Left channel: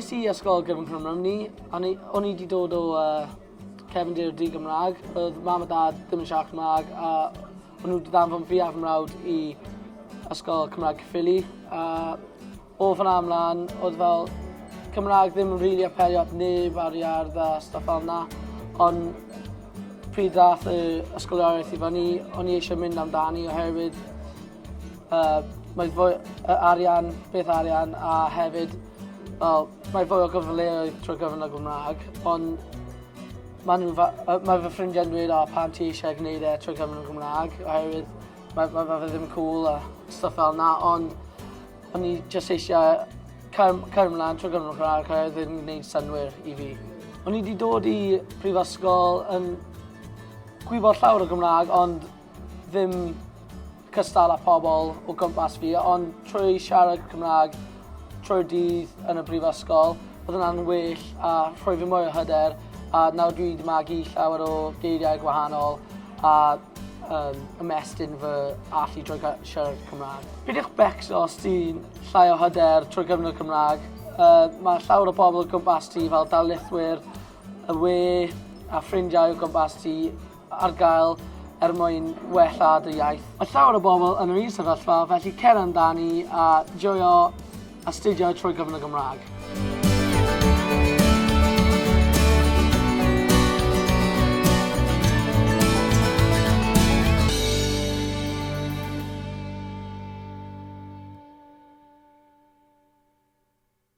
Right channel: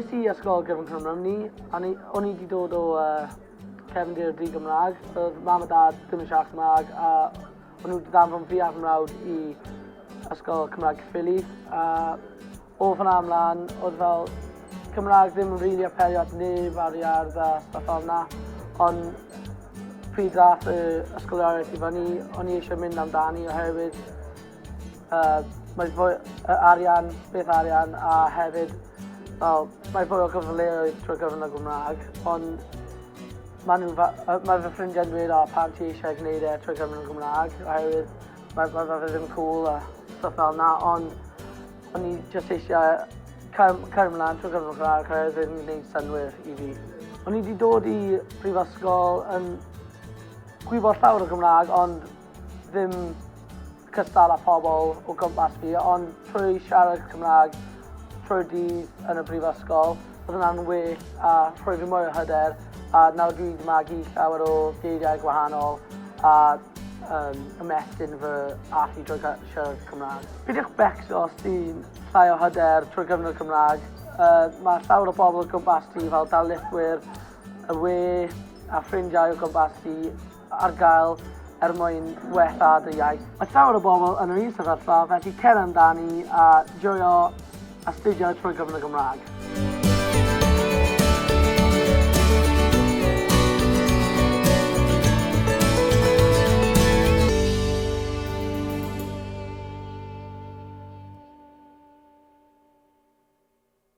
Es I ysgol gyfrwng Cymru, o'n i wedi dod o cefndir di Gymraeg. Oedd mam a dad ddim yn siarad Cymraeg, a o'n nhw wedi danfon fi a fy mrawd I ysgol Cymraeg Cyffili. O fan'na ymlaen, oedd fel Cymraeg ddim yn rili apelio at neb ar iardd a stuff fel yna. Ond pryd ddath y ysgoloriaeth I fyny, o'n I eisiau mynd amdani oherwydd mae fwy arian, beth arian, a hefyd mae fwy o gyfleoedd trwy gyfrwng y Gymraeg, ond mae fy ffrindiau'n dweud pam ti eisiau gwneud trwy gyfrwng y Gymraeg, oherwydd mae fe ddim cool a stuff fel yna, ond o'n I jyst eisiau cael ymlaen trwy gyfrwng y Gymraeg oherwydd ddim yn gwneud synwyr I fi. O'n I wedi dod I prifysgol yn gwybod llawer o Gymraeg, ond ddim cystal â pobl o gwmpas fi, ond trwy siarad Cymraeg trwy'r dydd yn y brifysgol, oedd hwnna'n well a rhoi fi mwy o hyder, a nawr dwi wedi magu llawer o geiriau gwahanol a ymestyn fy allu drwy siarad Cymraeg. Pidwch becso os ti'n llai o hyder trwy gyfrwng y Cymraeg. Mae llawer o bobl o gwmpas ti fel darlithwyr, y we a ffrindiau o gwmpas ti ar gael mwyn wella dy iaith. Mae llawer o bobl yn yr un sefyllfa, felly cer amdani a joio astudio trwy gyfrwng y Gymraeg.